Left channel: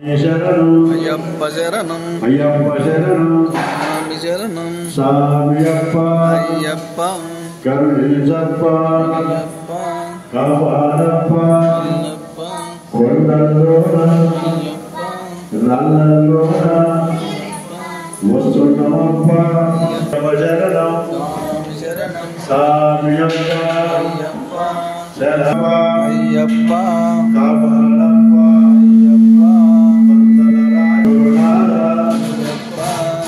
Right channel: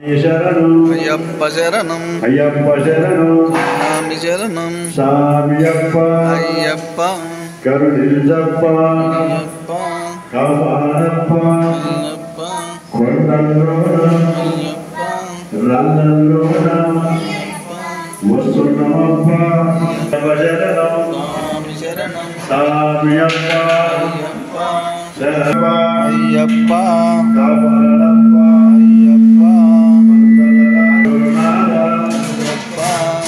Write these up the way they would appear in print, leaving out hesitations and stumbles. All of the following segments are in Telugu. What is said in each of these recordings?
అయ్యప్ప శరణం స్వామి శరణం అయ్యప్ప కరుణించప్ప అయ్యప్ప కాపాడప్ప అయ్యప్ప కొండల్లోన అయ్యప్ప రాళ్ళల్లోన వస్తున్నామప్ప శరణం స్వామి శరణం స్వామియప్ప అయ్యప్ప శరణం అయ్యప్ప కాపాడప్ప అయ్యప్ప అయ్యప్ప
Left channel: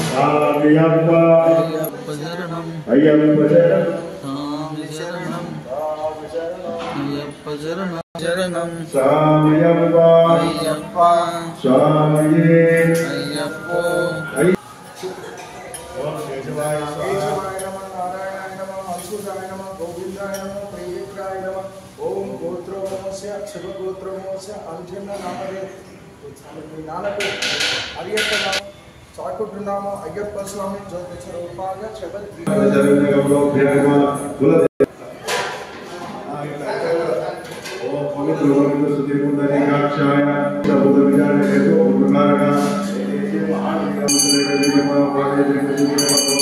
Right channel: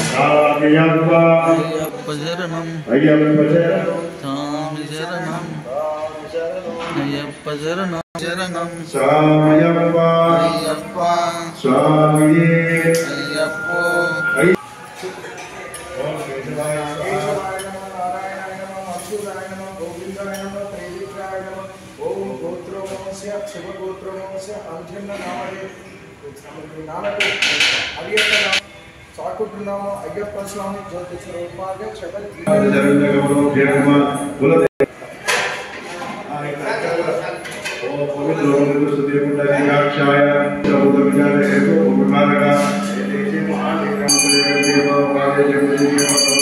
స్వామియప్ప అయ్యప్ప శరణం అయ్యప్ప శరణం స్వామి శరణం అయ్యప్ప శరణం శరణం స్వామియప్ప అయ్యప్ప స్వామియే అయ్యప్ప ఓం కేశవాయ కేశవాయ నమః నారాయణాయ నమః అచ్యుతాయ నమః గోవిందాయ నమః త్రైవిక్రాయ నమః ఓం గోత్రోమోస్య శివగోత్రోమోస్య అంజన్న నామదే నానకు అయ్యప్ప నామ చాకుట్రునామ అయ్యప్ప స్వామి జ్యోతి స్వరూపాయ శబల్ జగద్జగములో ధ్యానమ కుల ఓం పవిత్ర పవిత్ర సుదేవుండరికాక్షాయ సముద్ర విచారేషు ఉపకారక ఏదేశి మహానిగ్రహములే పాదే జగద్జగములో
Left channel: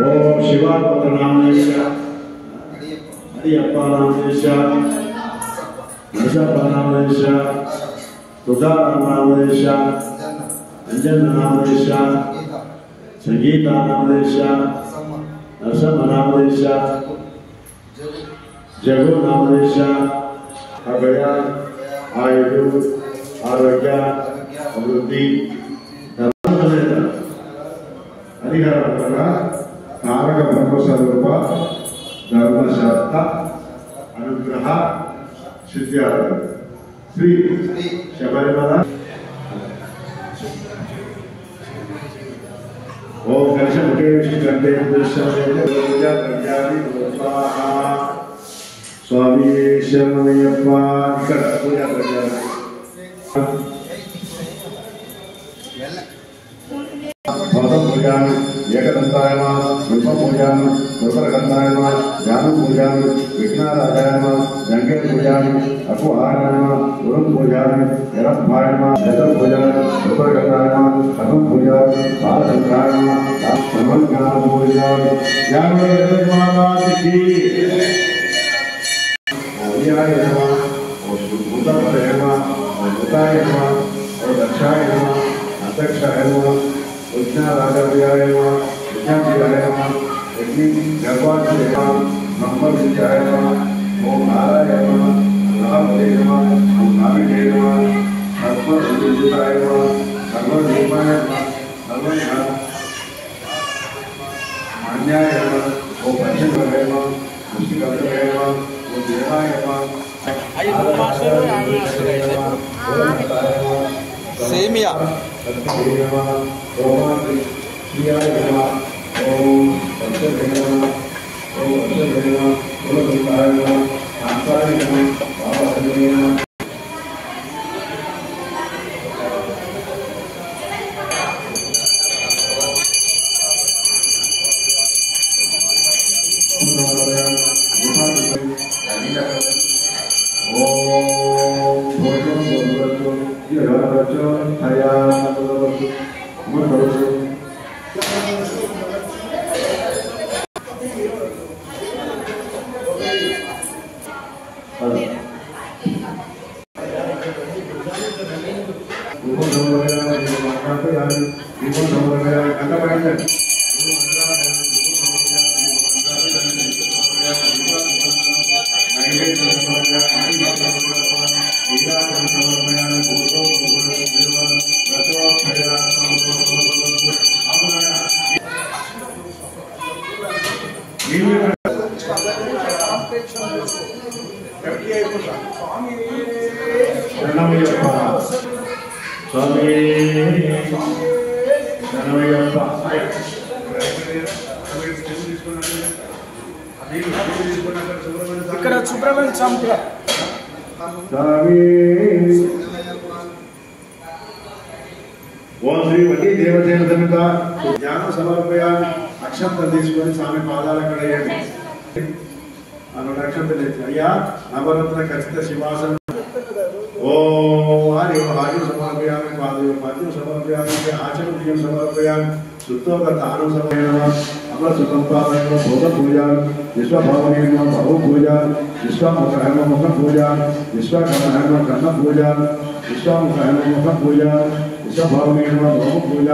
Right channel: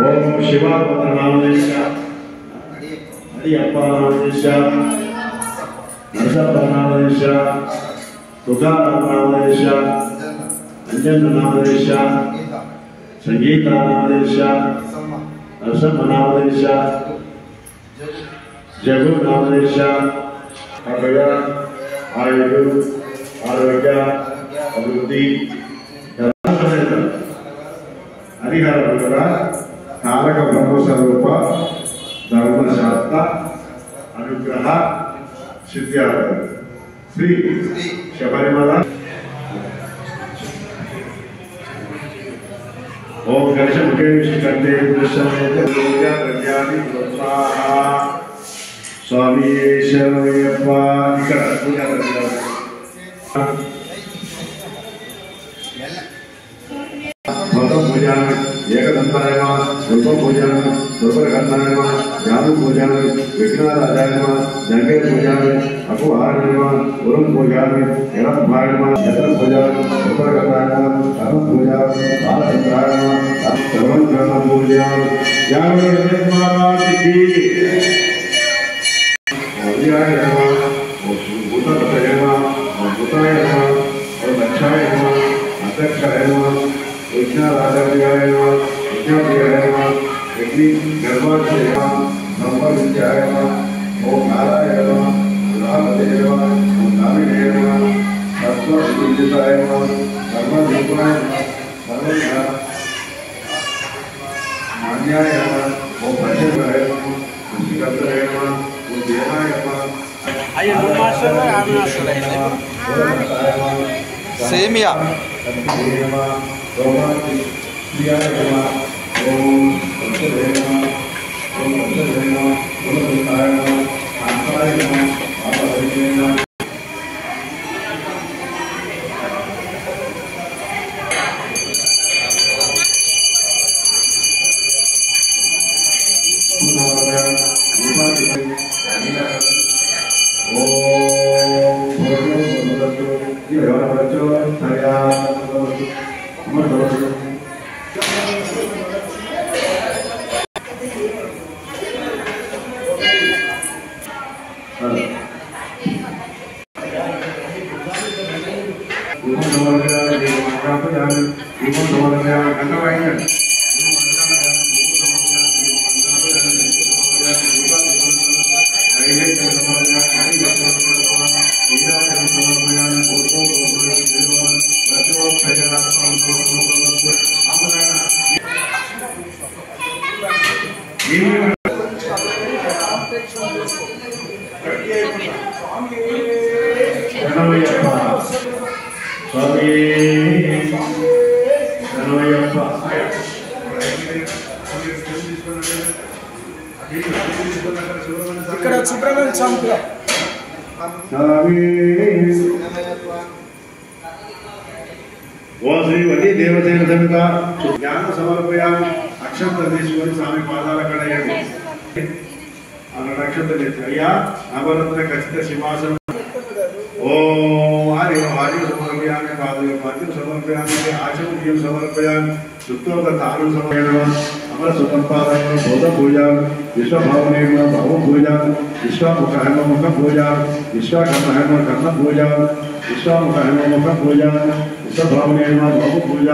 ఓం శివాపదనామేశ అయ్యప్పనామేశ నరసప్పనామేశ తుకారామనామేశ అంజన్ననామేశ సంగీతానామేశ నరసమ్మనామేశ జగునామేశ అభయ ఆయుడు ఆరోగ్య అభివృద్ధి అధికారం కూడా తారక బ్రహ్మస్వరూప ధర్మశాస్త్ర అనుగ్రహ సిద్ధ్యార్థ శ్రీ శబరిమల ఓం గణేశ ముఖే విష్ణు కంటే స్వామి శరణయ్యప్ప ఇక్కడ పూజాన్ని ఏకదంతాయమ రూప పూజాన్ని రూపగంధాయమ జాదు పూజాన్ని విఘ్నారాయణ జంగే పూజాన్ని అకుహారణ గురం పూజాన్ని ఎలభాయమ జత పూజాన్ని రూపగంధాయమ కథం పూజాన్ని బాలచంద్రాయమ సర్వంగణ పూజాన్ని జాగృతి పూజాయ నమ భూతపతయ నమ భూతాయ నమ దక్షాయ నమ అధ్యక్షాయ నమ విఘ్నారాచార్యాయ నమ విజ్ఞాప్రియాయ నమ యజ్ఞి గర్భాక్షయ నమ బ్రహ్మవిద్యాయ నమ ఓం నారాయణ నమ రామదే నమ ఓం నావిడే నమ సర్వవిదితాయ నమ సర్వదీపాయ నమ సర్వజ్ఞ మాన్యాయ నమ ఓం పరమేశ్వరాయ నమ ఋషికర్తయ నమ ఓం దేవాయ నమ సేమియా ఇక్కడ సుబ్రహ్మణ్య స్వామి ఓం శ్రీ వల్లి దేవసేన సమేత జ్ఞానం సమర్పయామి. అక్షంతలు తీసుకొని స్వామి పాదాల కడయండి. అన్న అక్షంతలు ఎత్తి అయ్యా నవరత్న ఖచ్చిత సింహాసనం. ఓం ఆర్యం సమర్పయామి. పాద్యం సమర్పయామి. ఆచమనీయం సమర్పయామి. సుత్తోక తాను సమర్పయామి. అమర సుతంపాదన బోధ పూజ. విశ్వభావనేమ భవ పూజ. విశ్వముఖ హేమ ముఖ పూజ. విశ్వకర్మ హేమ కర్ణ పూజ. విశ్వముఖ హేమ ముఖ పూజ. విశ్వభావనేమ భవ పూజ.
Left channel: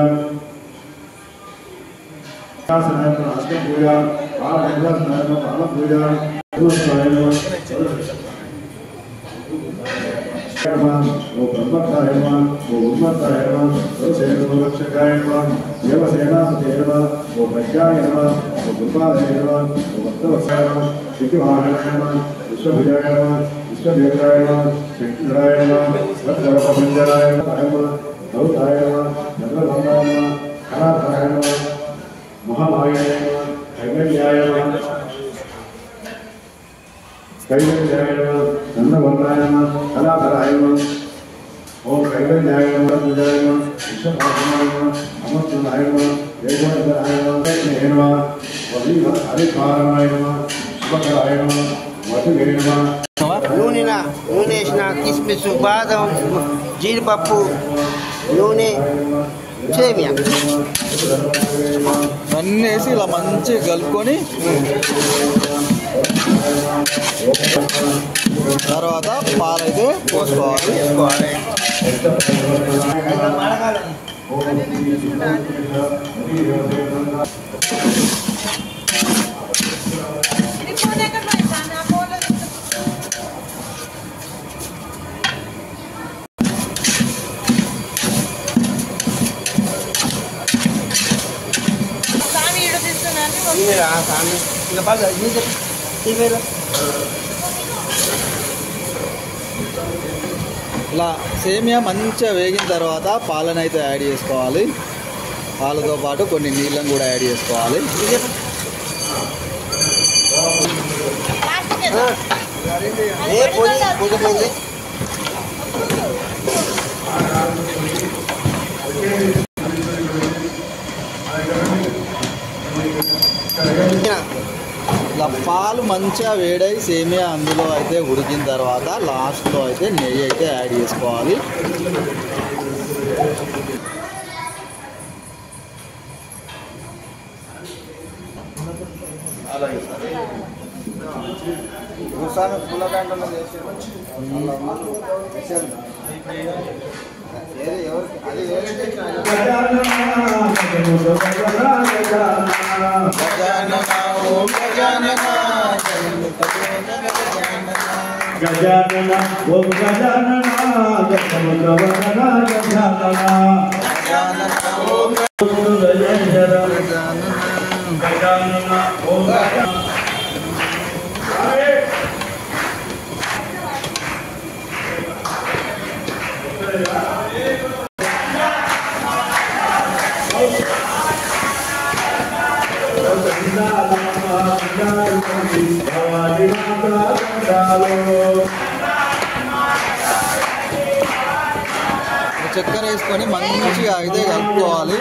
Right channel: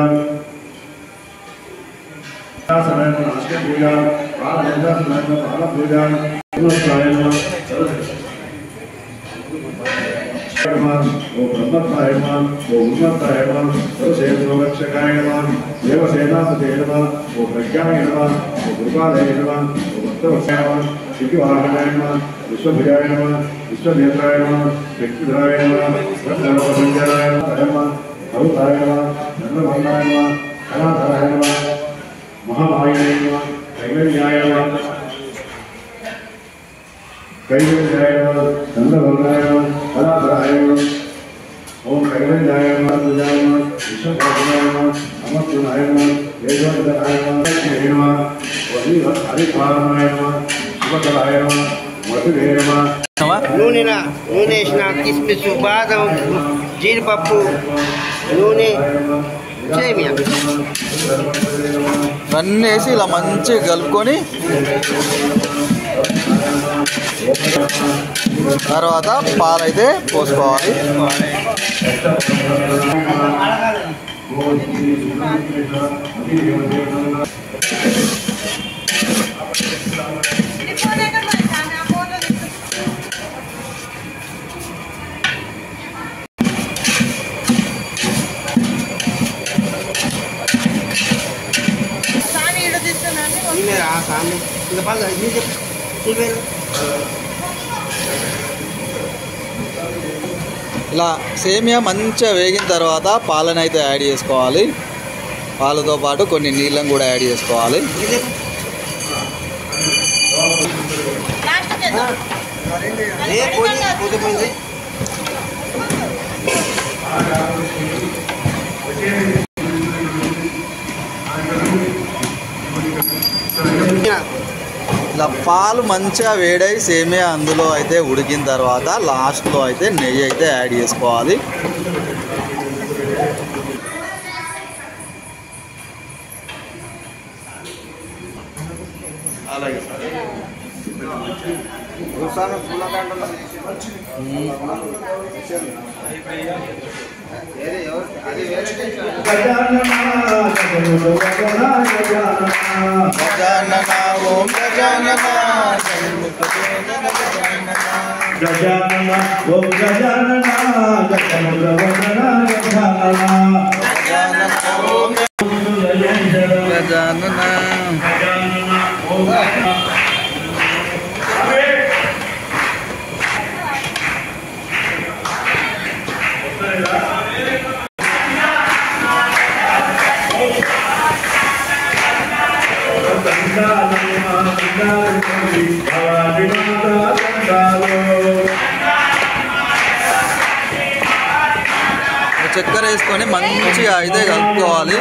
రాష్ట్ర పూజ. బాల పూజ. ఓ బ్రహ్మత్రాయ నమః. ఓ ఉన్మత్తాయ నమః. ఓ సేనోరక్షకాయ నమః. దేవసేనాపతే నమః. ఓ ప్రజ్ఞాయ నమః. ఓ కృపాలయ నమః. ఓ భక్తవత్సలాయ నమః. శక్తివాహనాయ నమః. విశ్వభుజాయ నమః. విశ్వనేత్రాయ నమః. శక్తిధరాయ నమః. గర్భసంజయాయ నమః. భౌతాయ నమః. చంద్రభంగాయ నమః. కళాధరాయ నమః. మహామాయాయ నమః. కైవల్యాయ నమః. कैवल्याय नमः. चंद्रभंगाय नमः. कलाधराय नमः. ओम कैवल्याय नमः. पूजाय नमः. विश्वभावनाय नमः. अमरत्वनाय नमः. वेदवदनाय नमः. हरिकारणाय नमः. शिवकराय नमः. मधुरे नमः. नूनె వేసిన కిస్మిస్ బాదం జీడిపప్పు నూనె సేమియా అన్నీ వేసి ఇలా మంచిగా కలుపుకొని తర్వాత పాలైతే పోసుకోవాలి. ఇలా సేమియా మంచిగా వేగిన తర్వాత పాలను అయితే యాడ్ చేసుకోవాలి. పాలతో పాటు కొన్ని నీళ్ళను కూడా యాడ్ చేసుకోవాలి. ఇలా పాలు మంచిగా వేడై సేమియా అందులో అయితే ఉడికిన తర్వాత లాస్ట్లో అయితే నెయ్యి అయితే యాడ్ చేసుకోవాలి. గజానన ఓం గజానన गजानन ओम गजानन गजानन ओम గజానన ओम చక్కెర వేసుకొని మంచిగా అయితే కలుపుకోవాలి.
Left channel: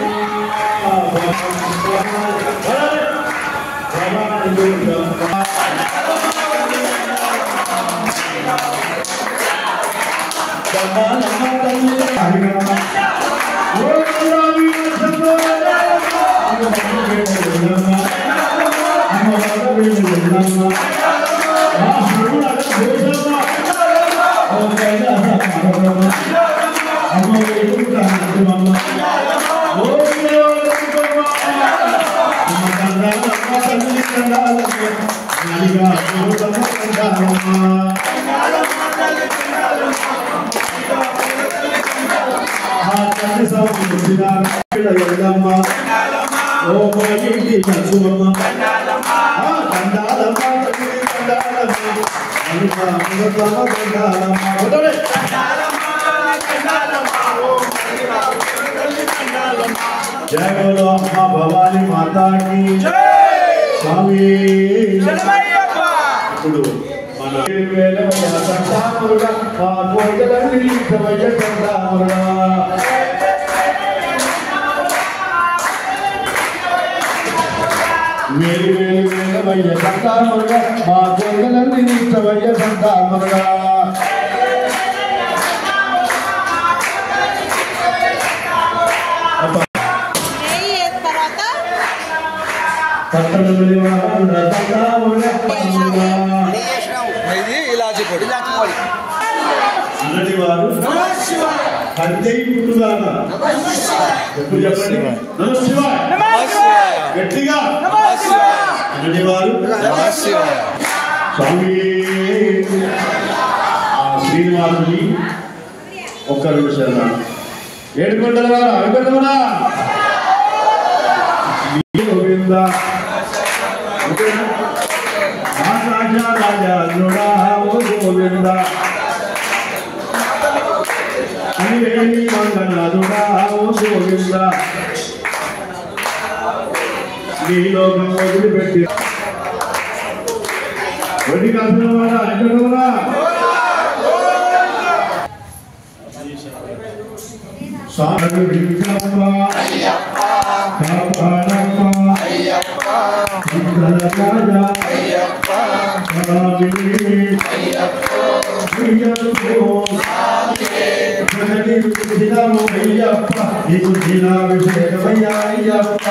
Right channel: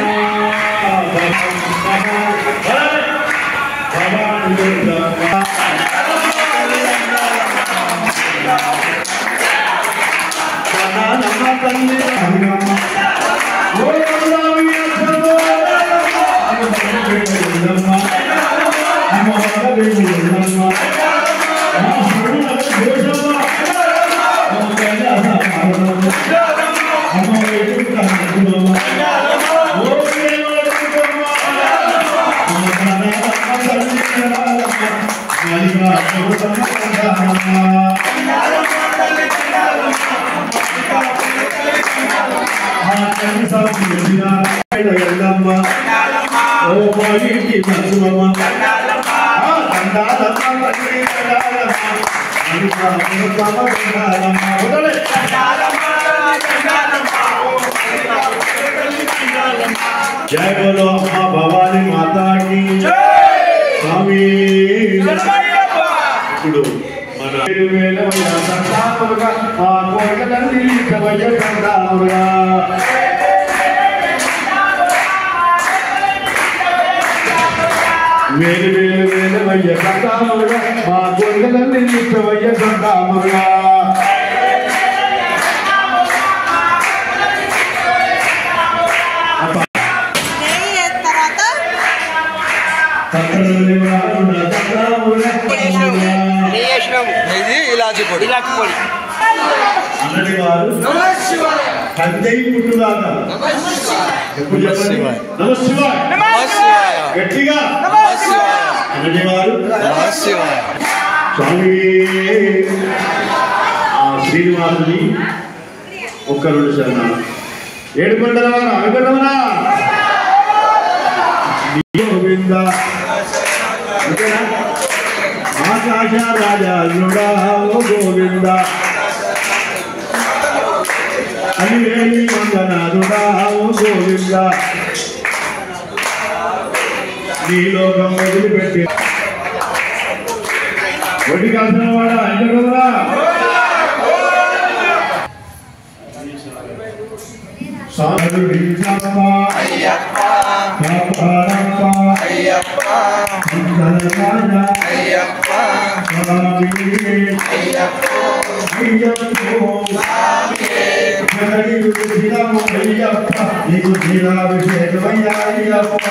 जय बोलो माँ भवानी माता की स्वामी ఇప్పుడు మన వేలవయ సంతానముగా ఆ కోగలని కవయ సంతానముగా వేలు వేలు వేలమయ్య సంతామురుగా మా గొంగలన్నీ నీచవయ్య సంతామురుగా ఇది ఇలాచి పొడి. అన్నటి వారు పంచై పుట్టుదాకా ఎప్పుడు చెప్పండి నమశివాయ నమశివాయ. గట్టిగా నమశివాయ. అన్నటి వారు నమశివాయ. స్వామి శ్రీనివాసుని ఒక్క 2 శరణాలు. 7 కొండల వారు అనుకున్నామరా గోవింద ఓకేనా ఆకాశ రాజా ఓ గోవింద అలివేలి మంగనాథుడా ఓ గోవింద నీ లోకం వదిలిపెట్టి వడ్డీ కాసిన వాడ ఎంతరా సాధు అయ్యప్ప అయ్యప్ప రాజా అయ్యప్ప నీకు శ్రీరాభిషేకమయ్యా అయ్యప్ప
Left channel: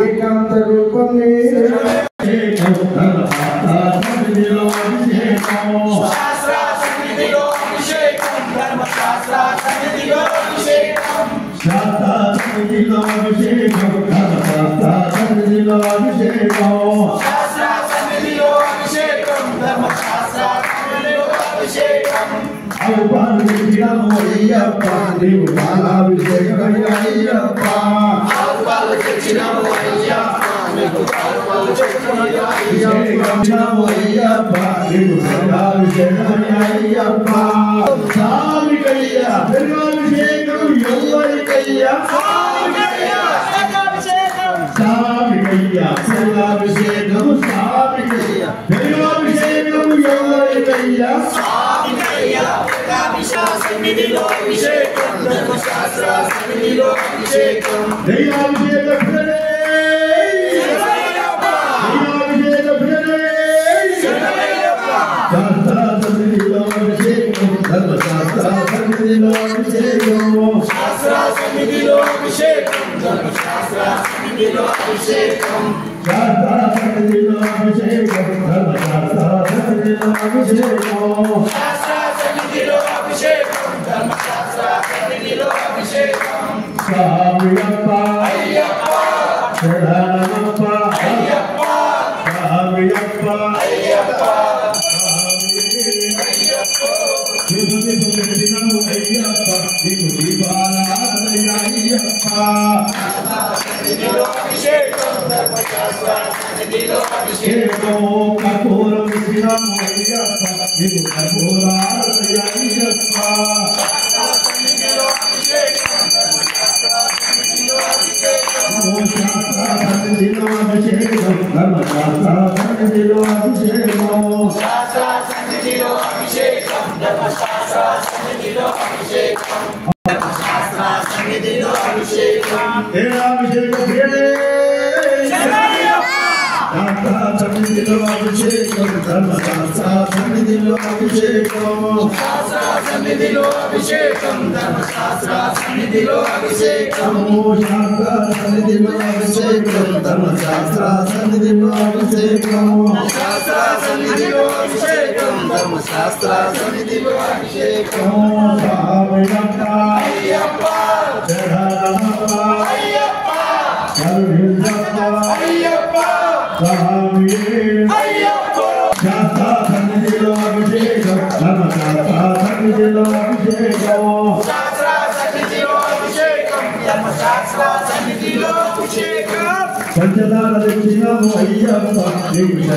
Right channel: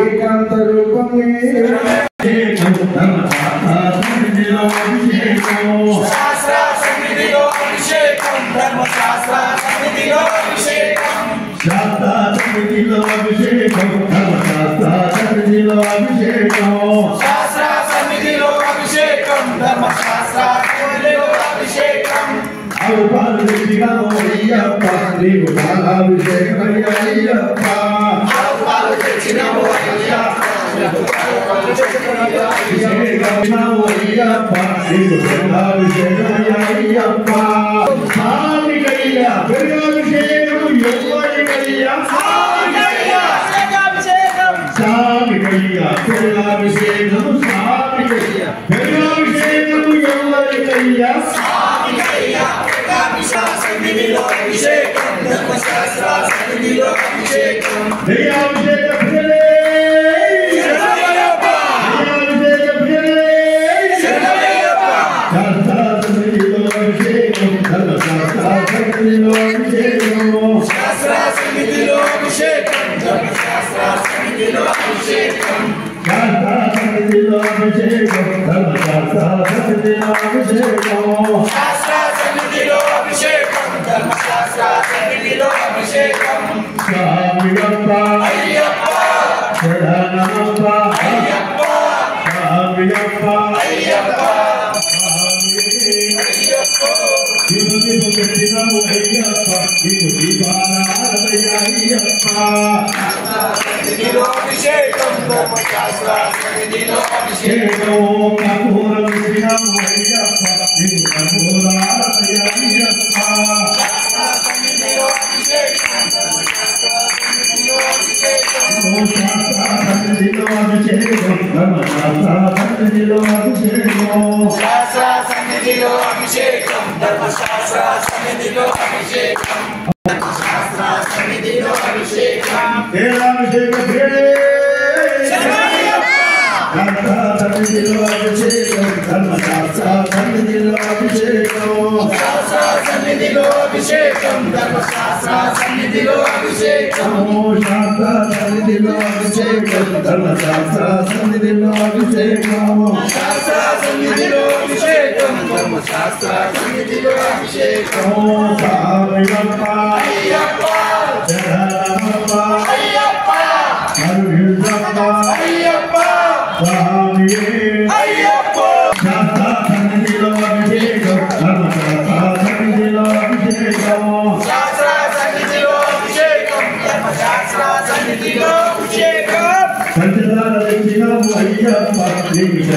ఏకాంత రూపమే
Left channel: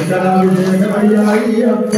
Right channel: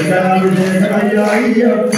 పంచదార అభిషేకమయ్యాయ్యప్ప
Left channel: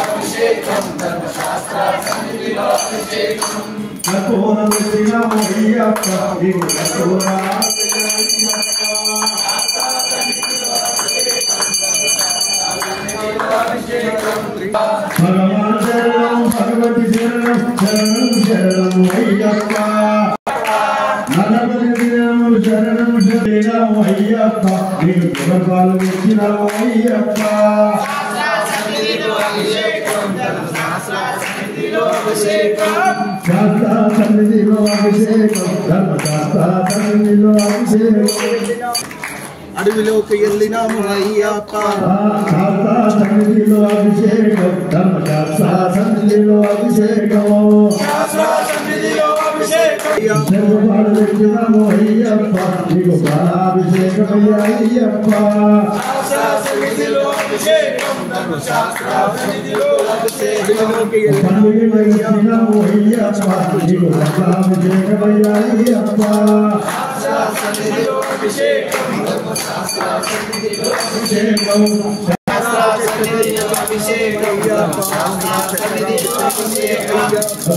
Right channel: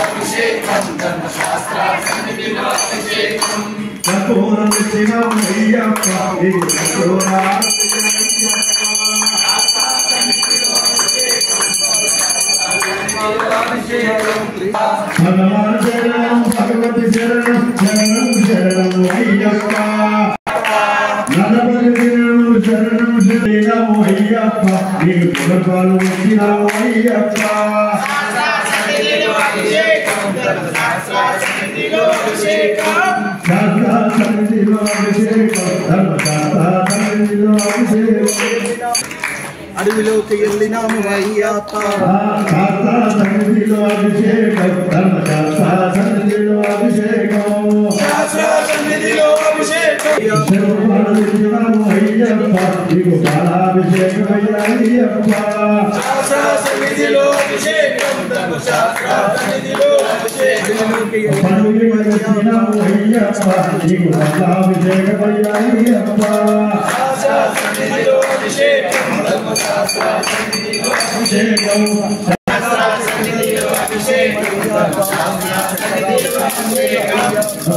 అభిషేకం ధర్మశాస్త్ర సన్నిధిలో అభిషేకం భగవాన్ శరణం భగవతి శరణం శరణం శరణం అయ్యప్ప నన్నపతి శరణం శరణం శరణం అయ్యప్ప నీకు పురపాలు వచ్చినావు అయ్యప్ప సన్నిధిలో అభిషేకం ధర్మశాస్త్ర సన్నిధిలో అభిషేకం అడవిలోకి వెళ్ళినాము అయ్యప్ప సన్నిధిలో అభిషేకం ధర్మశాస్త్ర సన్నిధిలో అభిషేకం సర్వపాలు అయ్యప్ప నీకు బాలాభిషేకమయ్యాయ్యప్ప పండుగ అయ్యప్ప నీకు బాలాభిషేకమయ్యాయ్యప్ప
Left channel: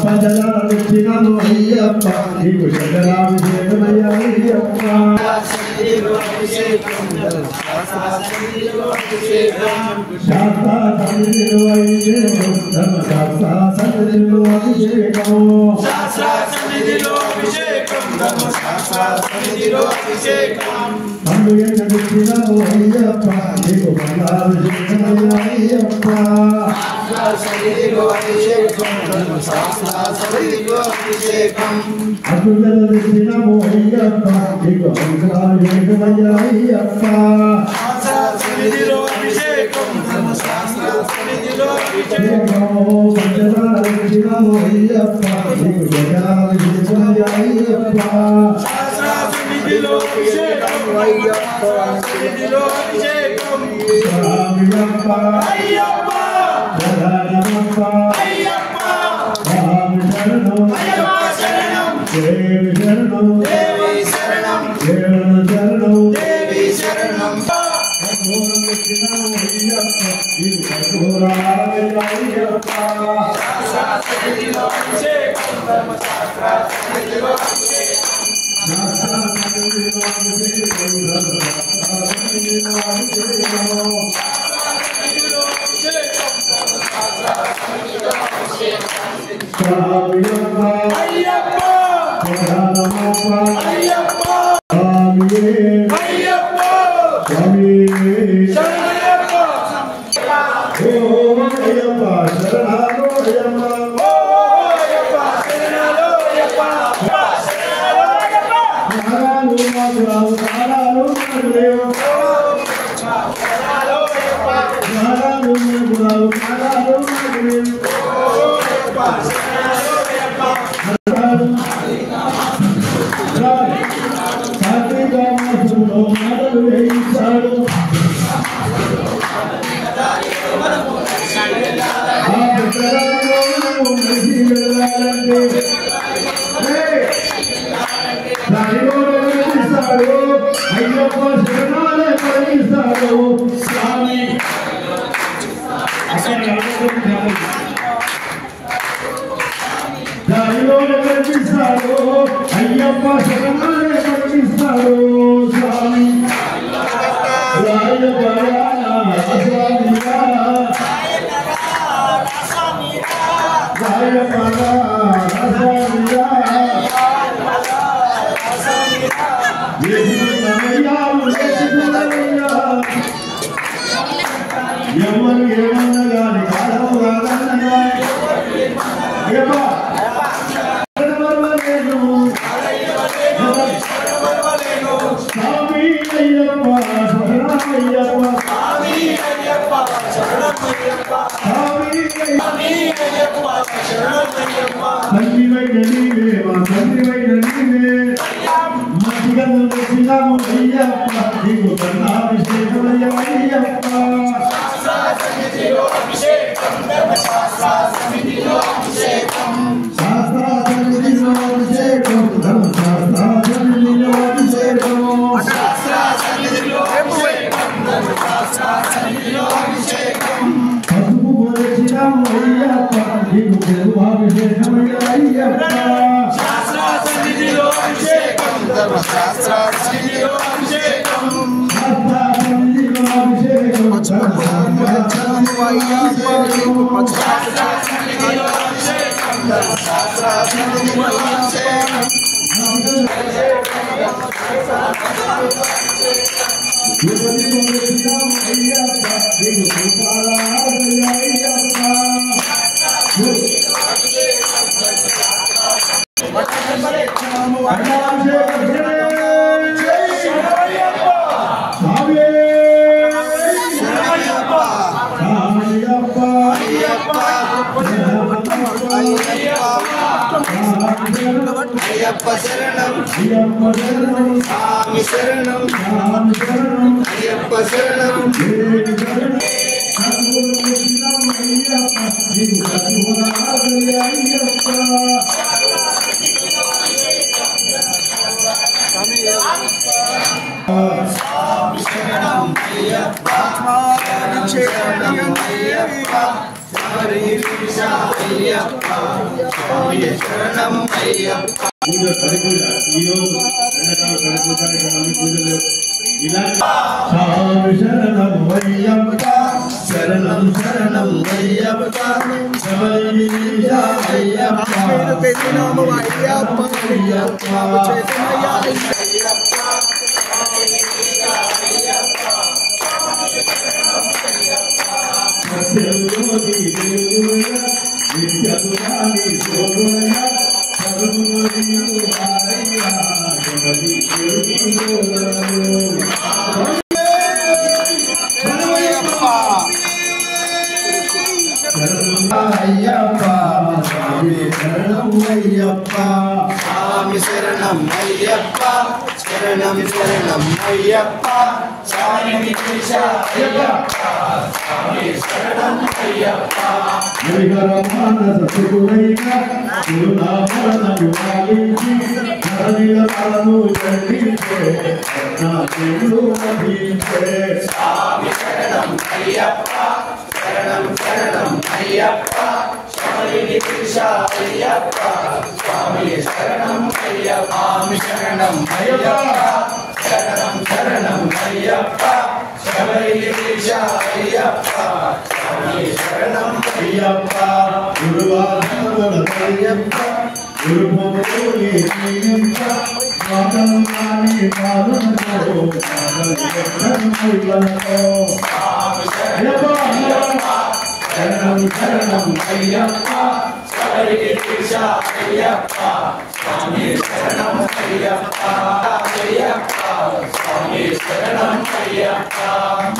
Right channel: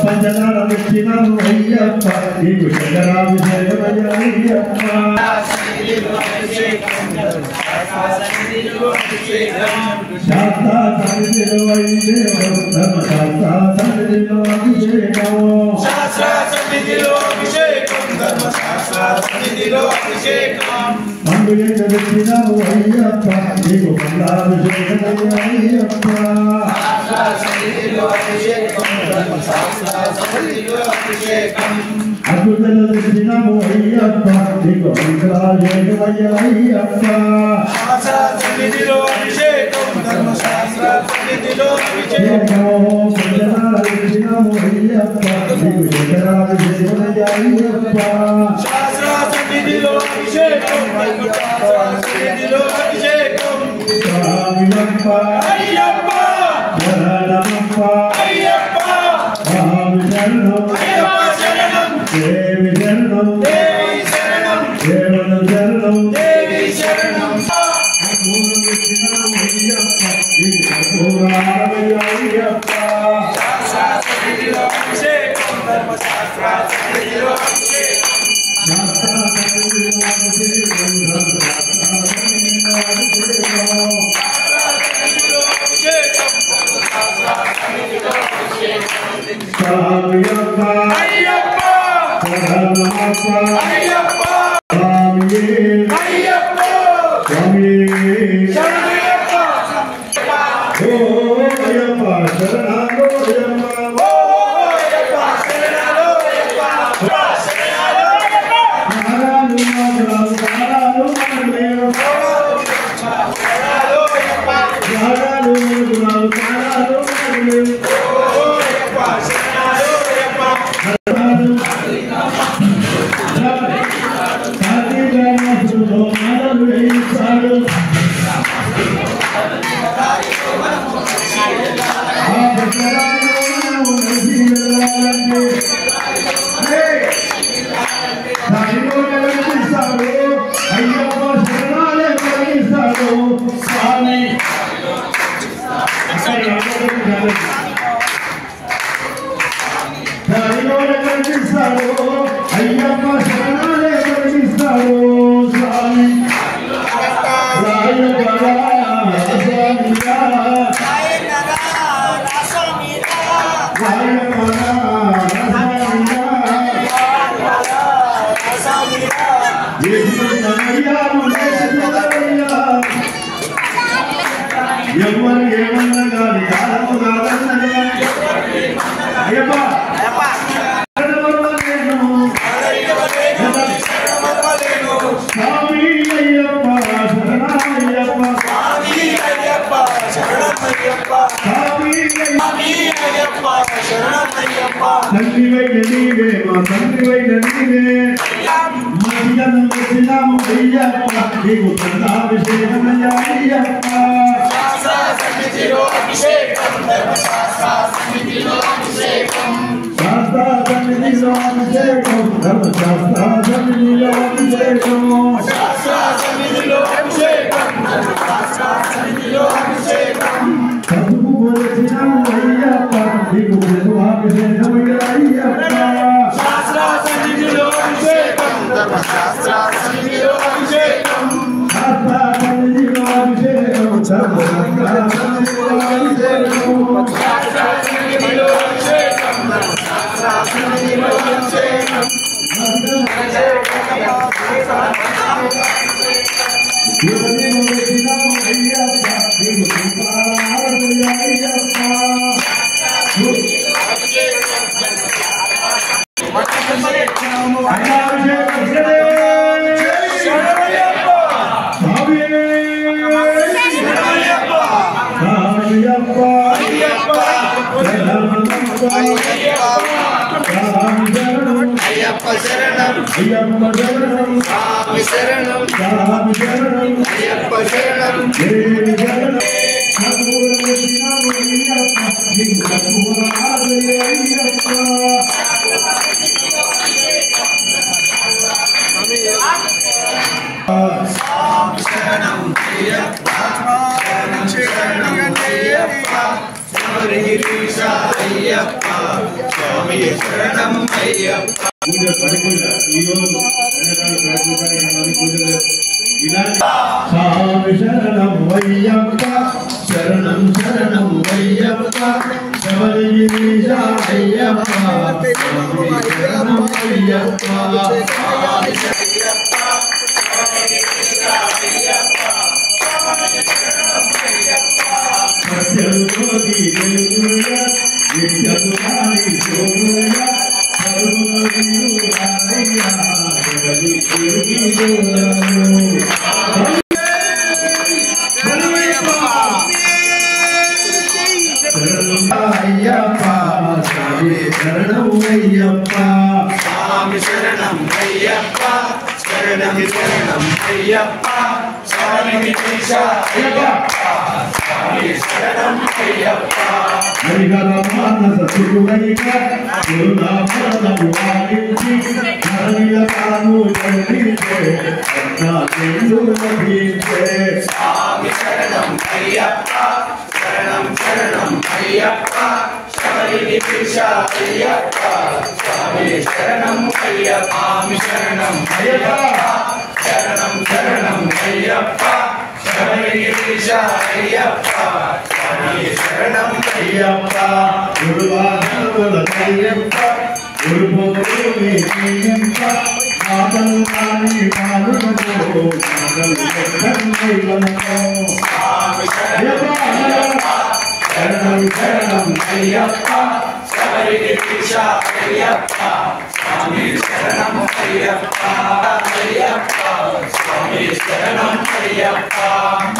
పంచదార పెట్టినాము అయ్యప్ప నీకు చంద్రాభిషేకమయ్యాయ్యప్ప శాస్త్ర సన్నిధిలో అభిషేకం ధర్మశాస్త్ర సన్నిధిలో అభిషేకం పండుగ పెట్టినాము అయ్యప్ప నీకు బంధాభిషేకమయ్యాయ్యప్ప అద్భుతలు పెట్టినాము అయ్యప్ప నీకు అంకురాభిషేకమయ్యాయ్యప్ప పంచదార పెట్టినాము అయ్యప్ప నీకు జగరాభిషేకమయ్యాయ్యప్ప స్వామియప్ప శరణమప్ప స్వామి శరణం దేవి శరణం దేవుడు శరణం అయ్యప్ప ఇది కర్పూరాలయ్యప్ప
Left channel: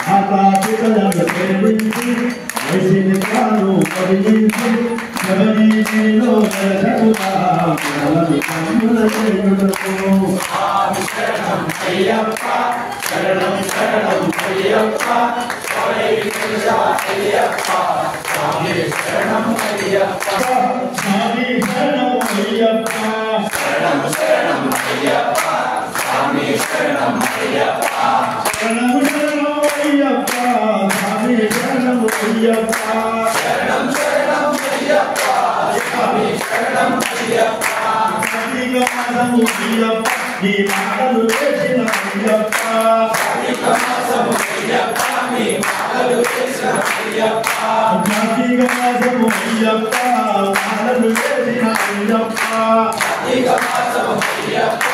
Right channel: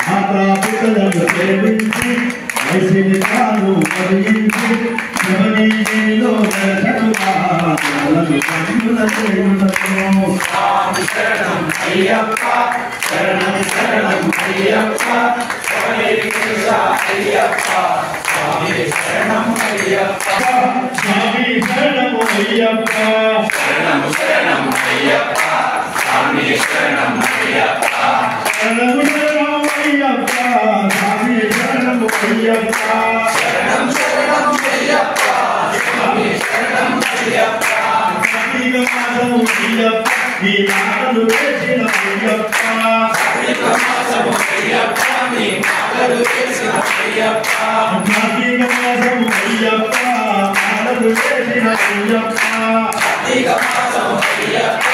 మాతా పితలను ప్రేమించి వైశికాలు పరిగించి శబరిలో దర్శనుగా కన్నుల చేయుటకు శరణం అయ్యప్ప శరణం శరణం అయ్యప్ప అయ్యప్ప స్వామి శరణం అయ్యప్ప స్వామి శరణం అయ్యప్ప శరణం శరణం అయ్యప్ప స్వామి శరణం అయ్యప్ప శరణం శరణం అయ్యప్ప స్వామి శరణం అయ్యప్ప శరణం శరణం అయ్యప్ప స్వామి శరణం అయ్యప్ప సతిగమాసము అయ్యప్ప నీ మాటలు వేసిన అయ్యప్ప సతిగమాసము అయ్యప్ప నీ మాటలు వేసిన అయ్యప్ప సతిగమాసము అయ్యప్ప మాటలు వేసిన అయ్యప్ప సతిగమాసము అయ్యప్ప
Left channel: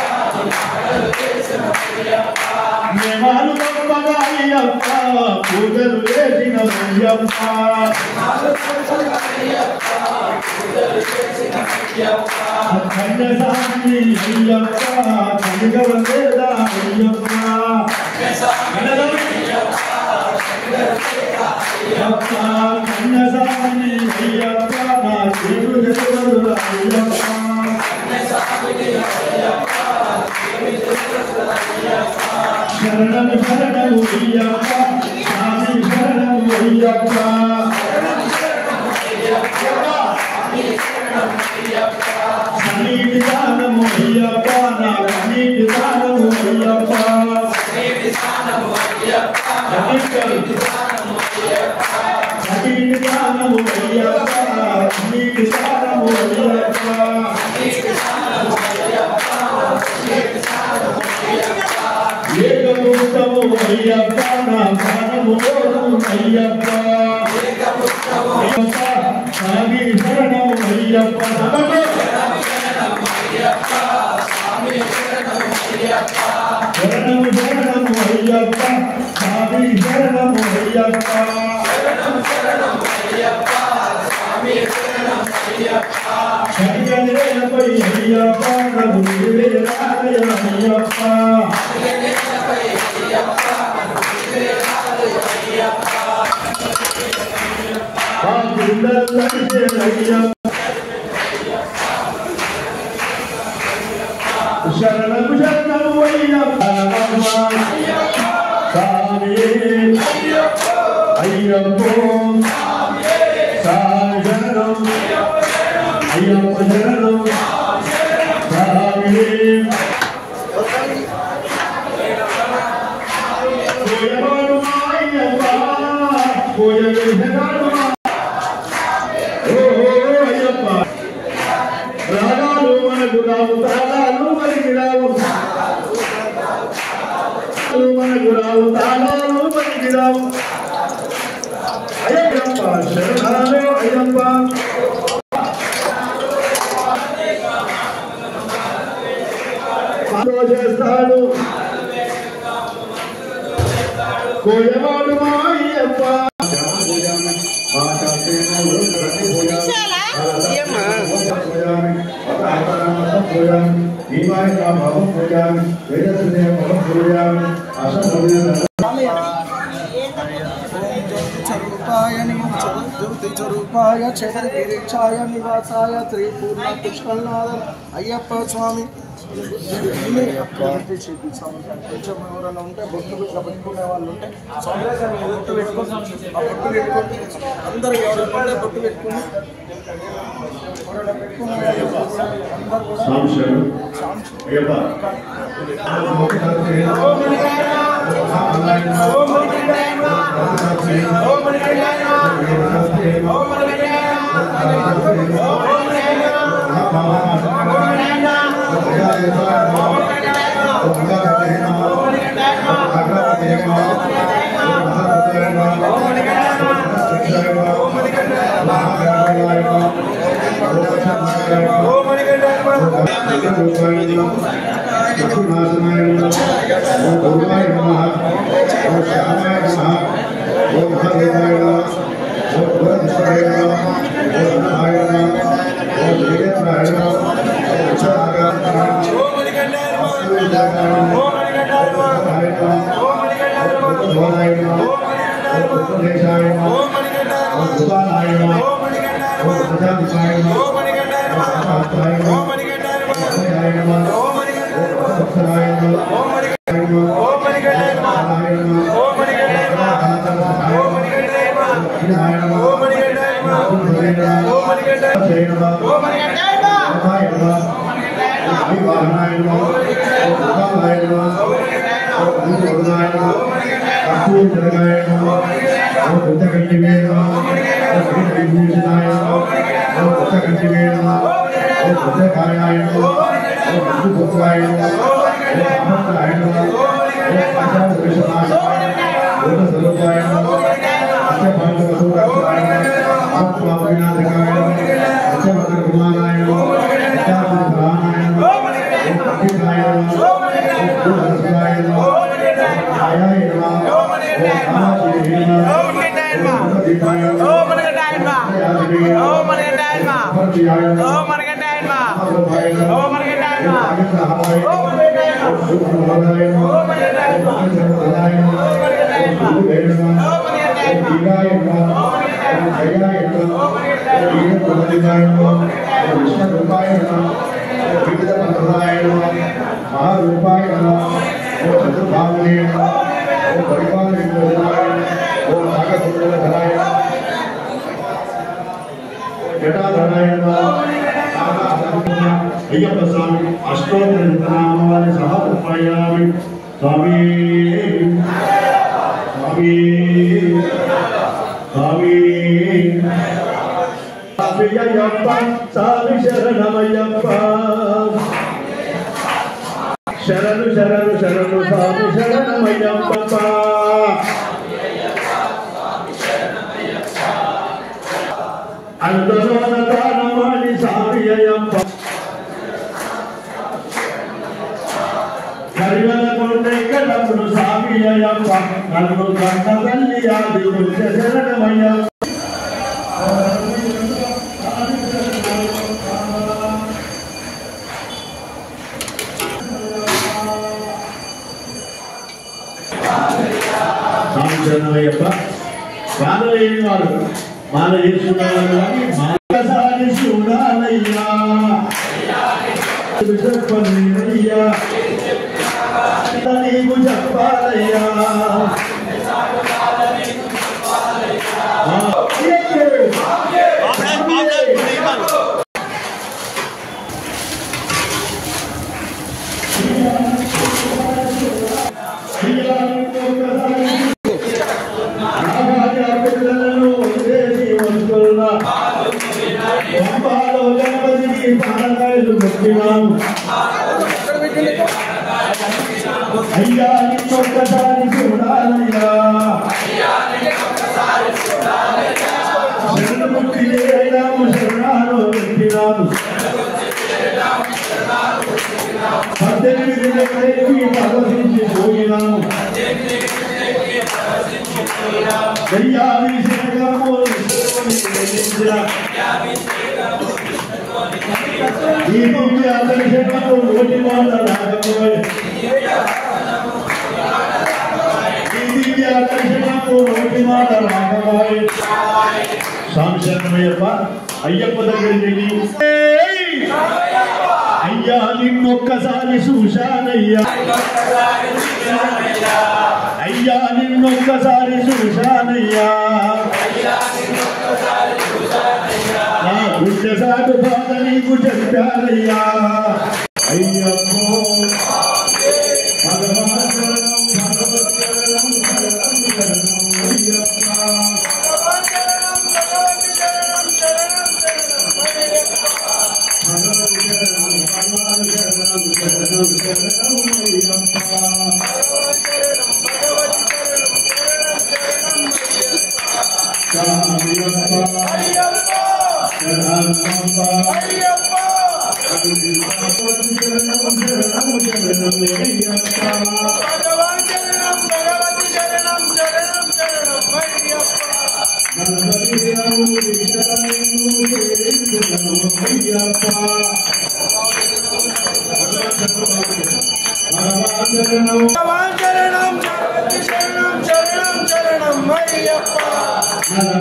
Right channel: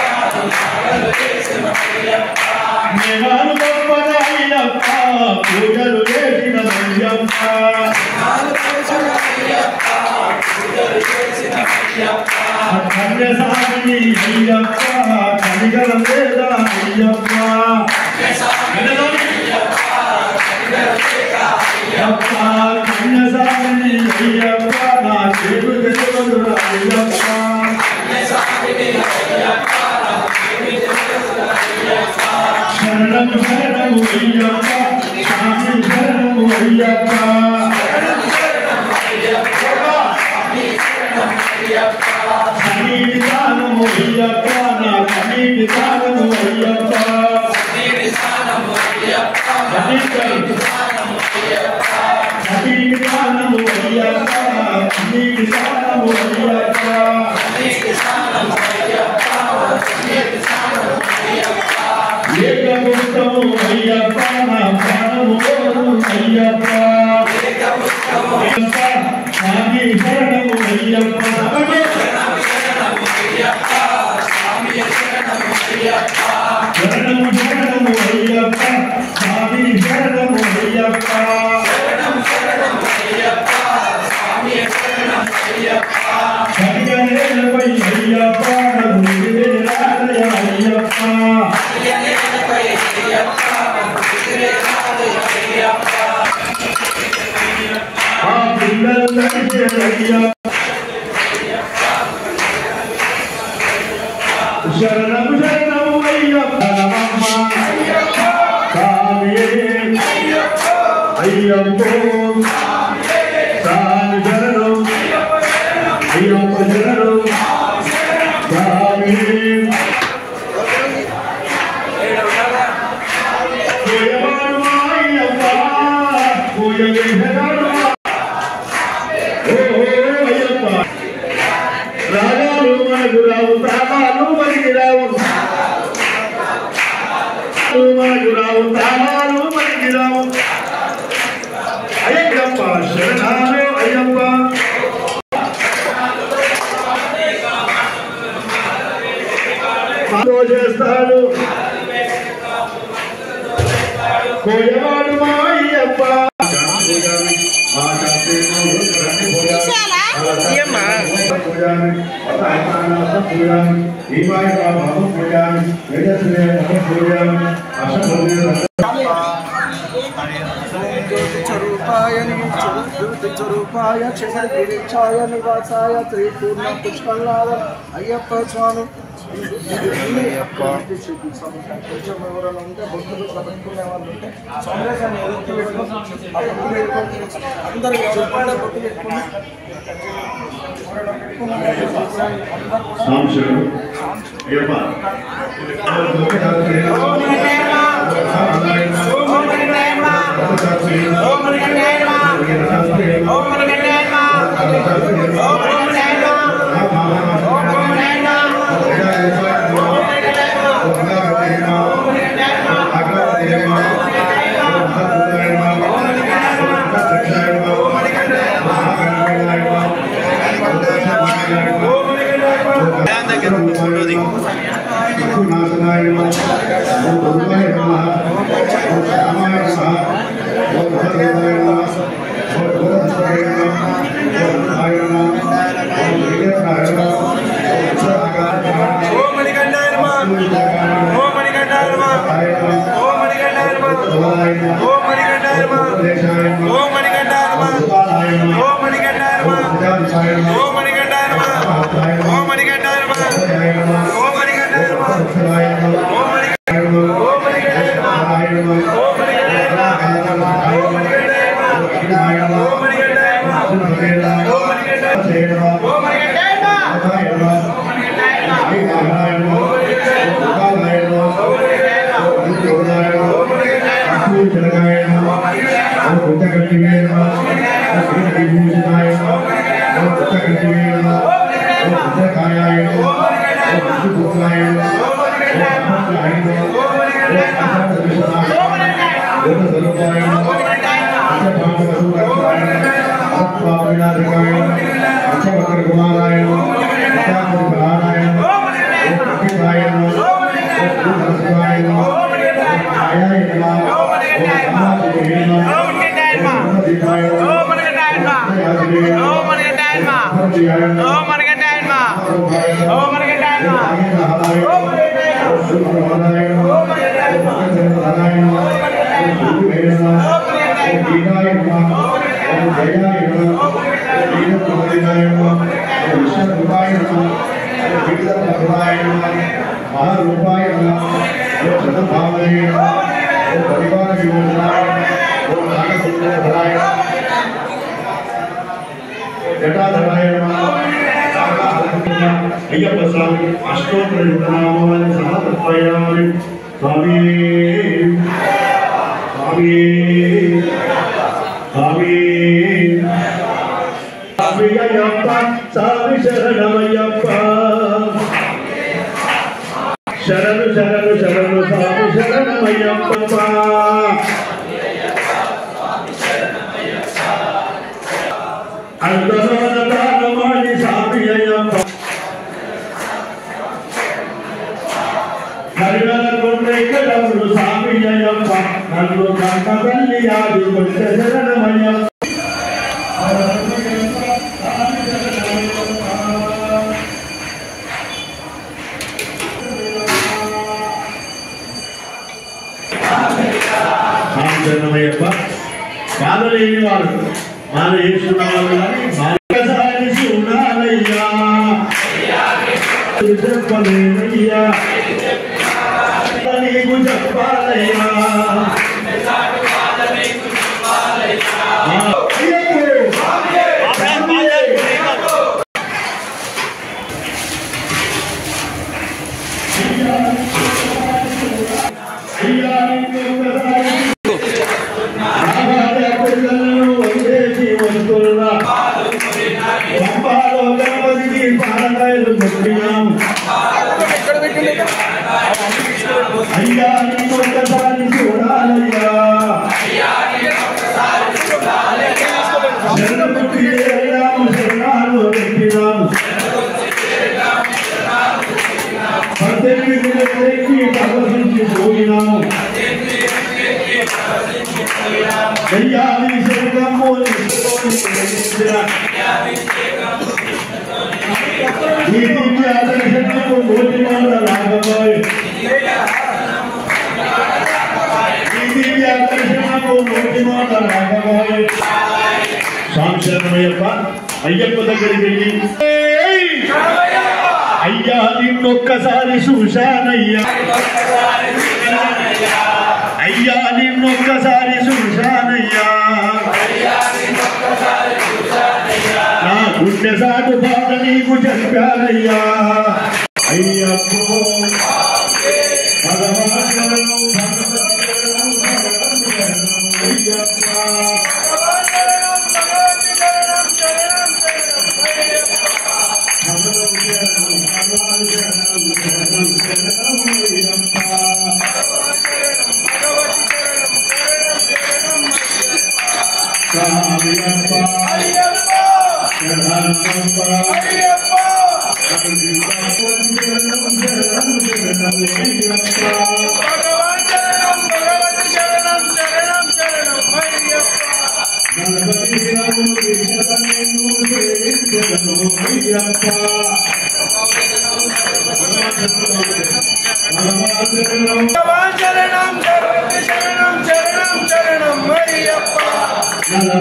మాటలు వేసిన అయ్యప్ప నియమాలు గొప్పద అయ్యప్ప పూజలు చేసిన అయ్యప్ప నియమాలు గొప్పద అయ్యప్ప పూజలు చేసిన అయ్యప్ప కన్యసామిని అయ్యప్ప కనికరం లేదా అయ్యప్ప అయ్యప్ప కన్యసామిని అయ్యప్ప నా చేరు తెలియదు అయ్యప్ప శరణము శరణము అయ్యప్ప స్వామి శరణము అయ్యప్ప సన్నిధి దానము అయ్యప్ప నా సన్నిధి దానము అయ్యప్ప సన్నిధి దానము అయ్యప్ప సన్నిధి దానము అయ్యప్ప సన్నిధి దానము అయ్యప్ప సన్నిధి దానము అయ్యప్ప సన్నిధి దానము అయ్యప్ప ఏకముక్తము అయ్యప్ప నా ప్రాణము అయ్యప్ప ఏకముక్తము అయ్యప్ప స్వామి శరణము అయ్యప్ప శరణము శరణము అయ్యప్ప స్వామి శరణము అయ్యప్ప శరణము శరణము అయ్యప్ప స్వామి శరణము అయ్యప్ప శరణము శరణము అయ్యప్ప స్వామి శరణము అయ్యప్ప శరణేలపై అయ్యప్ప రఘువీరాలయ అయ్యప్ప శరణేలపై అయ్యప్ప రఘువీరాలయ అయ్యప్ప ఆ పిల్లలకి అయ్యప్ప శరణం శరణం అయ్యప్ప స్వామి అయ్యప్ప స్వామి శరణం అయ్యప్ప శరణం స్వామి అయ్యప్ప అయ్యప్ప రాగాలు మనకు రావు తాళాలు మనకి రావు మనకు రావు తాళాలు మనకి రావు అయ్యప్ప శరణాలు అయ్యప్ప చేస్తాడు కోయవాడు మా అయ్యప్ప జ్యోతిస్వరూపాయ క్షమగిరిచాయ నివాసాయ త్రిపూర్ణ పుష్కల్నాథ అయ్యప్ప స్వామి కొంచెం ఎవరైనా ఉంటే భక్తులు పెట్టుకునే వాళ్ళు ఉంటే సందేశం బొట్టు పెట్టుకొని ఆ బొట్టు పెట్టుకొని అందరూ ఎవరైనా ఉంటే బొట్టు పెట్టుకుని नमः ओम मणिकंठाय नमः ओम मणिकंठाय नमः ओम मणिकंठाय नमः ओम मणिकंठाय नमः ओम मणिकंठाय नमः ओम मणिकंठाय नमः ओम मणिकंठाय नमः ओम मणिकंठाय नमः ओम मणिकंठाय नमः ओम मणिकंठाय नमः ओम मणिकंठाय अय्यप्प स्वामी अष्टोत्तर नामानि समर्पयामि स्वामी स्वामी स्वामी अय्यप्प स्वामी शरणमय्यप्प शरणु शरणु शरणु स्वामी शरणमय्यप्प अंतरानतानमानि स्वामी अय्यप्प करिवनकोंडेकलमुनु स्वामी अय्यप्प नन्नु कण्णतल्ली आदि कुंज शरणमय्यप्प శరణమయ్యప్ప బాధలేని వారు మాల చేసుకున్న వాళ్ళు కానీ మాలసారి చూడాలయ్యా చెప్పలేనయ్యా నీకు చెప్పాలయ్యా అయ్యా ఒక్కసారి చూడాలయ్యా శరణముక్తి రాము శరణాలు పెట్టినాము పద్దెనిమిది దగ్గరికి ప్రదర్శించి పోయినాము దయ్యాది శరణము ఈ దివ్య దర్శనము నోటి మాట రాకపోయి సాంశరణమయ్యప్ప అయ్యప్ప దగ్గరికి వెళ్ళి అయ్యా నిన్నొక్కసారి చూశానయ్యా అయ్యా నిన్నొక్కసారి చూశానయ్యా నా గుండె సాటు బాధ నీకు చెప్పానయ్యా అయ్యప్పో Sorry.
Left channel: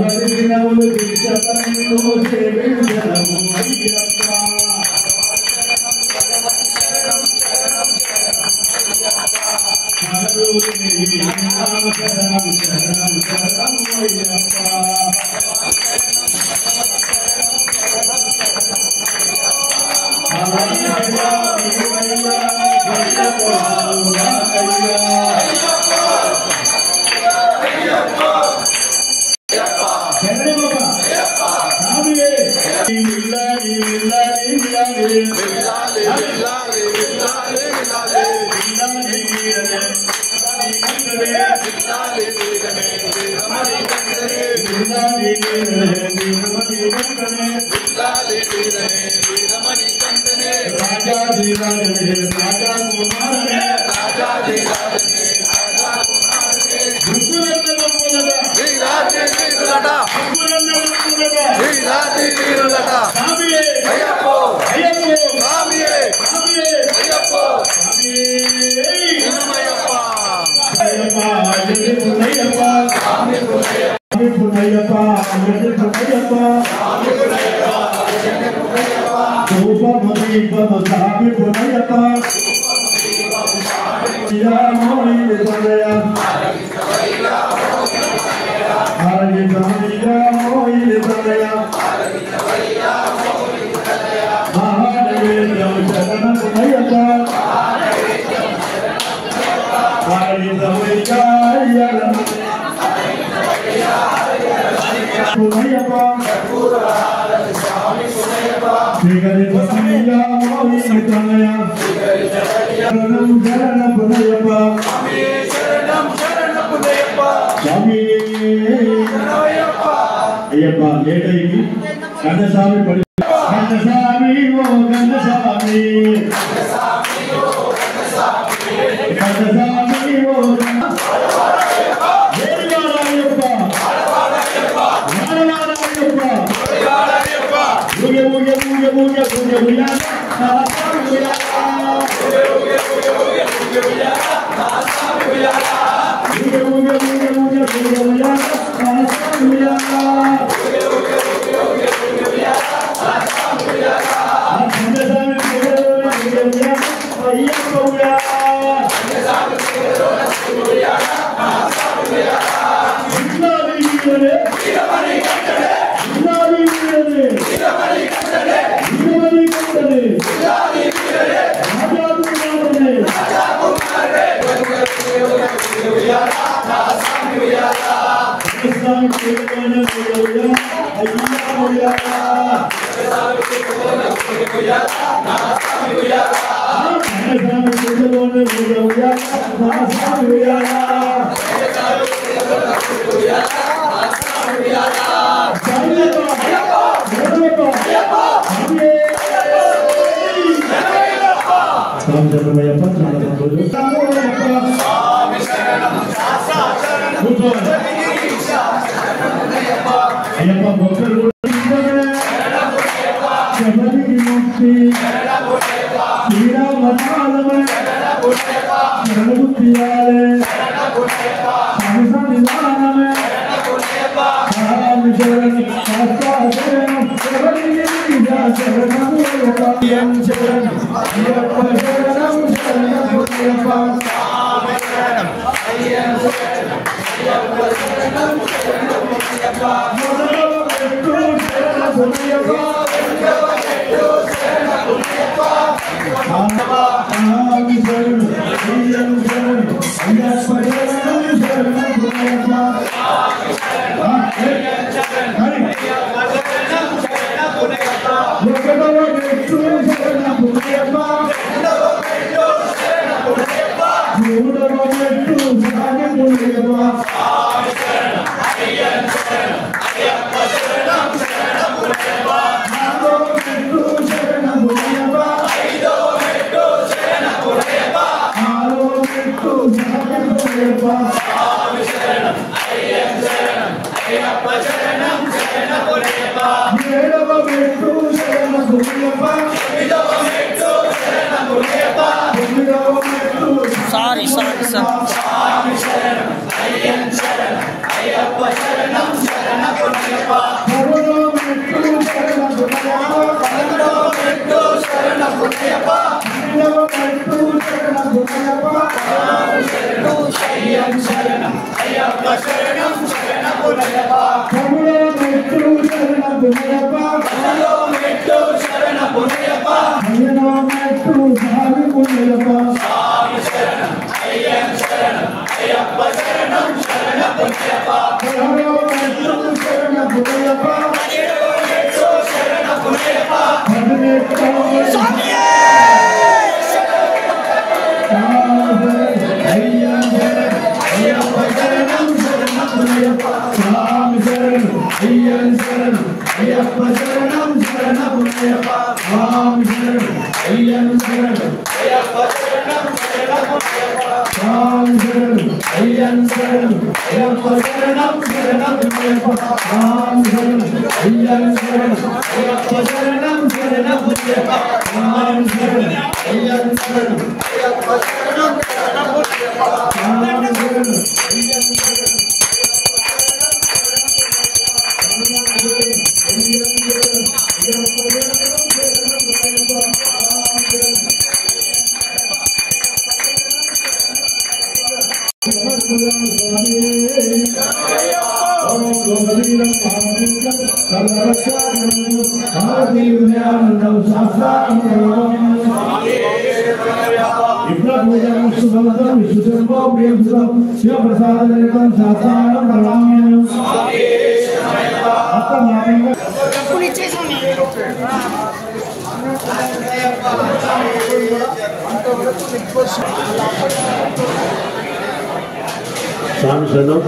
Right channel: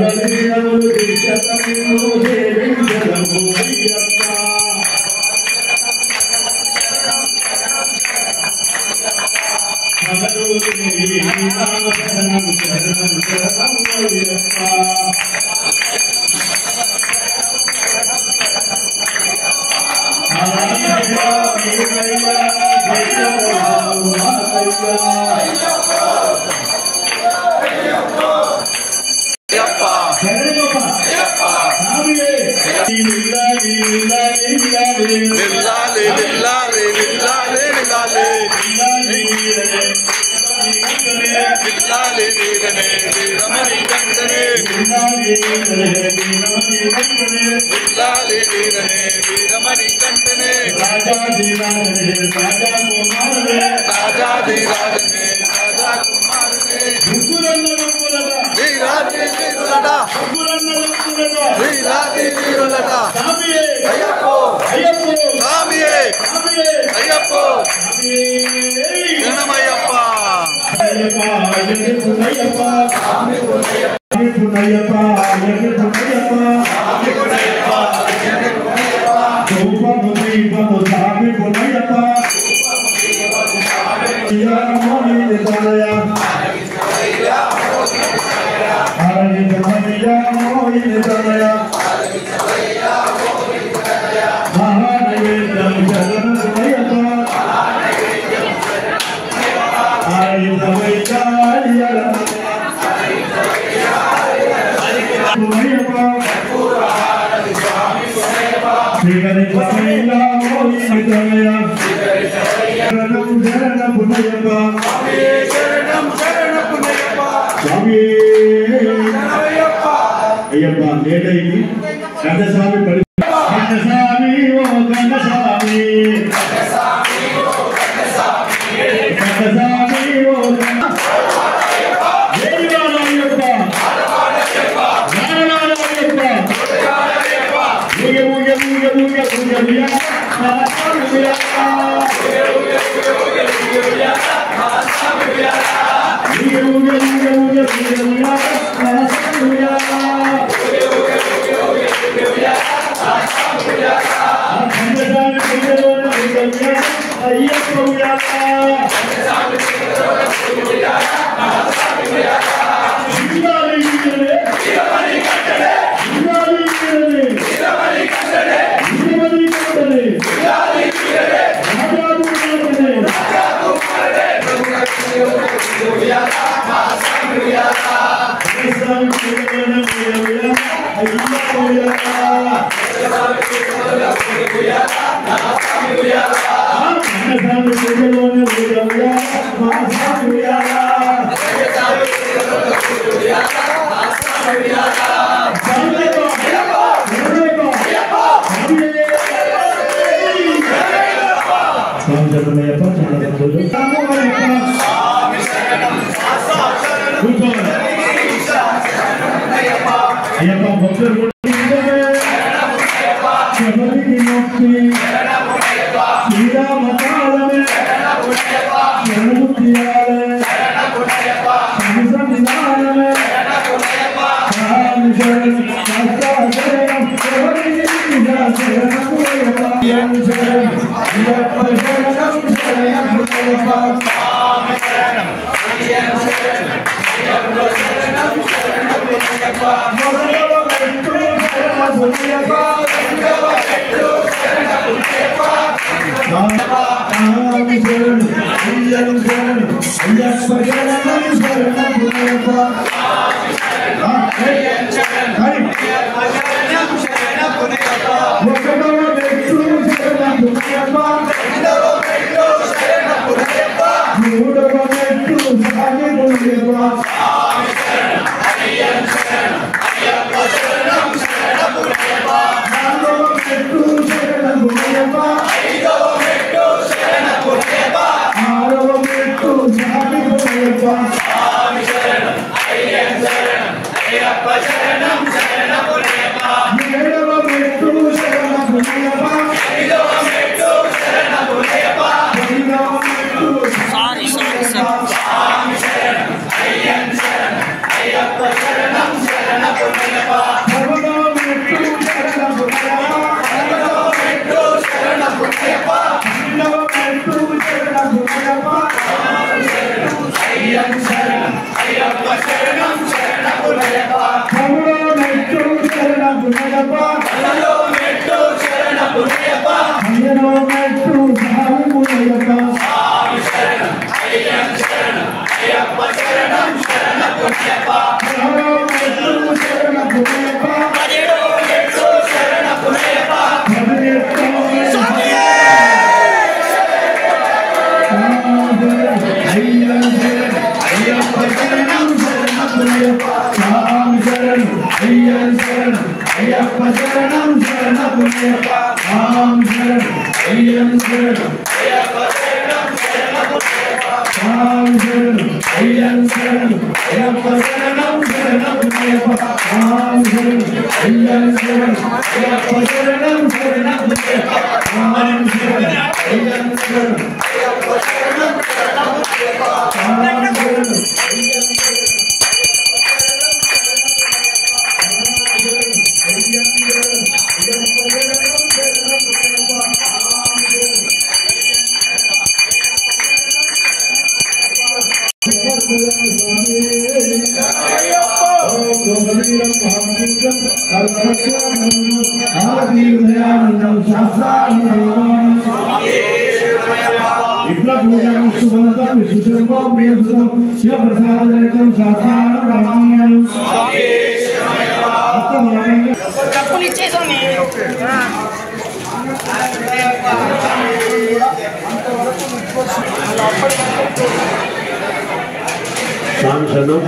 అయ్యప్ప శరణం శరణమయ్యప్ప స్వామి శరణం అయ్యప్ప శరణం స్వామి శరణం అయ్యప్ప శరణం అయ్యప్ప శరణం శరణమయ్యప్ప స్వామి శరణం అయ్యప్ప శరణం అయ్యప్ప శరణం శరణమయ్యప్ప స్వామి శరణం అయ్యప్ప శరణం అయ్యప్ప శరణం శరణమయ్యప్ప స్వామి శరణం స్వామి శరణం స్వామి శరణం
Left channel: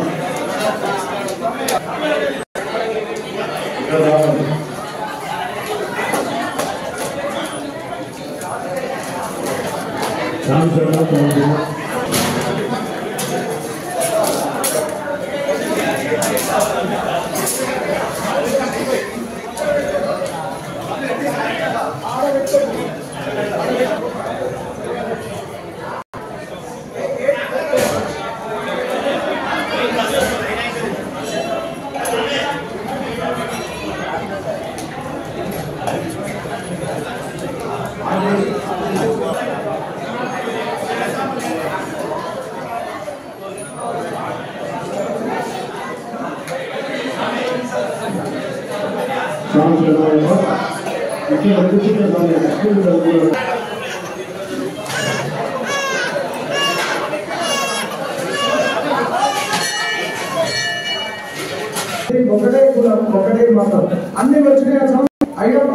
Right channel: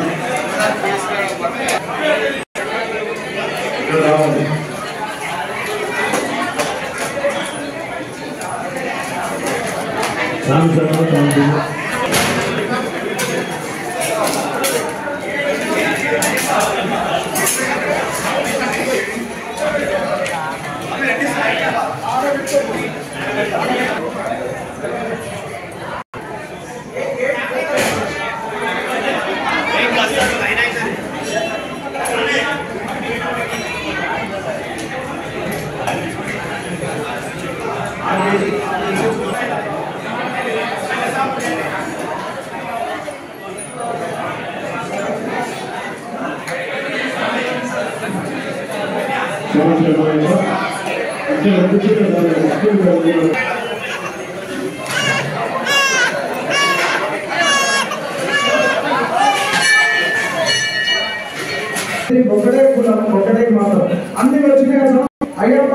ఒకటే కులం ఒకటే మతం అన్ని వచ్చినాయి. అయ్యప్ప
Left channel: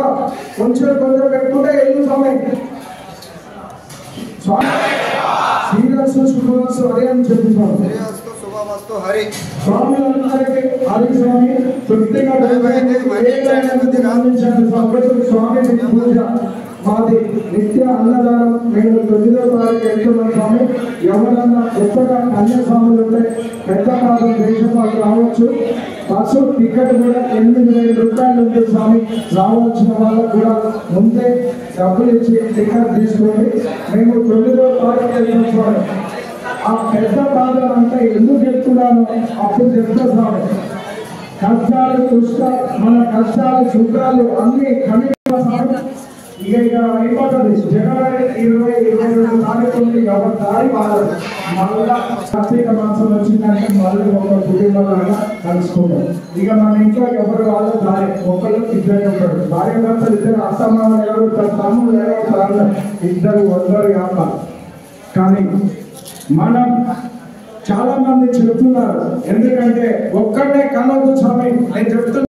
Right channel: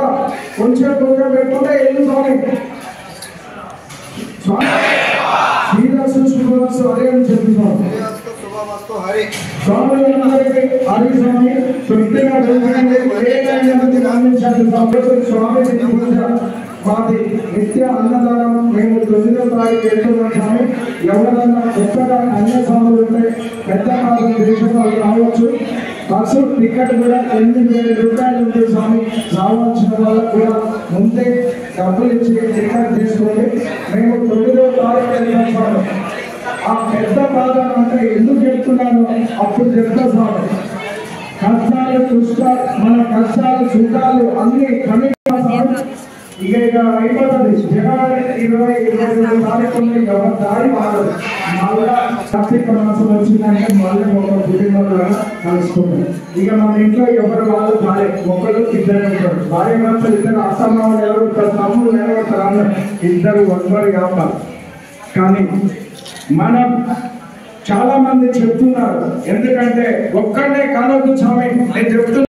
కొంచెం కొంచెం పెట్టుకుంటే ఎల్లు స్వామి శ్రీరస్తు శుభమస్తు హరి అని చెప్తున్నాం. స్వామి హరి స్వామి తృప్తిగా స్వామి పూజ మాది నిత్య అన్నదానం. మేము 9వ తారీఖు వెళ్తున్నాం స్వామి. ఎవరన్నా కొత్తగా అన్య స్వాములు ఉంటే పెద్ద కాలం దేశంలో రావచ్చు. బస్సు టికెట్ కూడా 8,000 రూపాయలు ఉంటుంది స్వామి. రావాల్సిన వాళ్ళకు కూడా ముందే డబ్బులు ఇచ్చి టికెట్ తీసుకోండి. మేము 9వ తారీఖు వెళ్తాం స్వామి. ఆ పెద్ద బాధ అంటే ఎందుకు చెప్తున్నాను అప్పుడు చెప్తా స్వామి. కష్టాలు మన కష్టాలు సుఖాలు అన్ని కమిటీ ఇక అయిపోతుంది. జనవరి 20-22 తారీఖుని ఎవరి దారి మారదు. మళ్ళా కార్తీక మాసం వచ్చిందంటే మళ్ళీ ఒక కుటుంబంలాగా కలుసుకుంటాం. ఇక మన ఇంట్లో ఎవరు వాళ్ళు దారి ఒకరు ఇద్దరు ఉంటారు. భార్య భర్తలు ఇద్దరు అత్తమామలు నిలబడతారు, తమ్ముళ్ళు నిలబడతారు, అన్నారు ఇద్దరు ఒక్కరు కావాలి. కానీ మనం చాలా మంది చెప్తున్నారు ఎందుకంటే ఒక్కడే కలవదు స్వామి నేను చెప్తున్నా.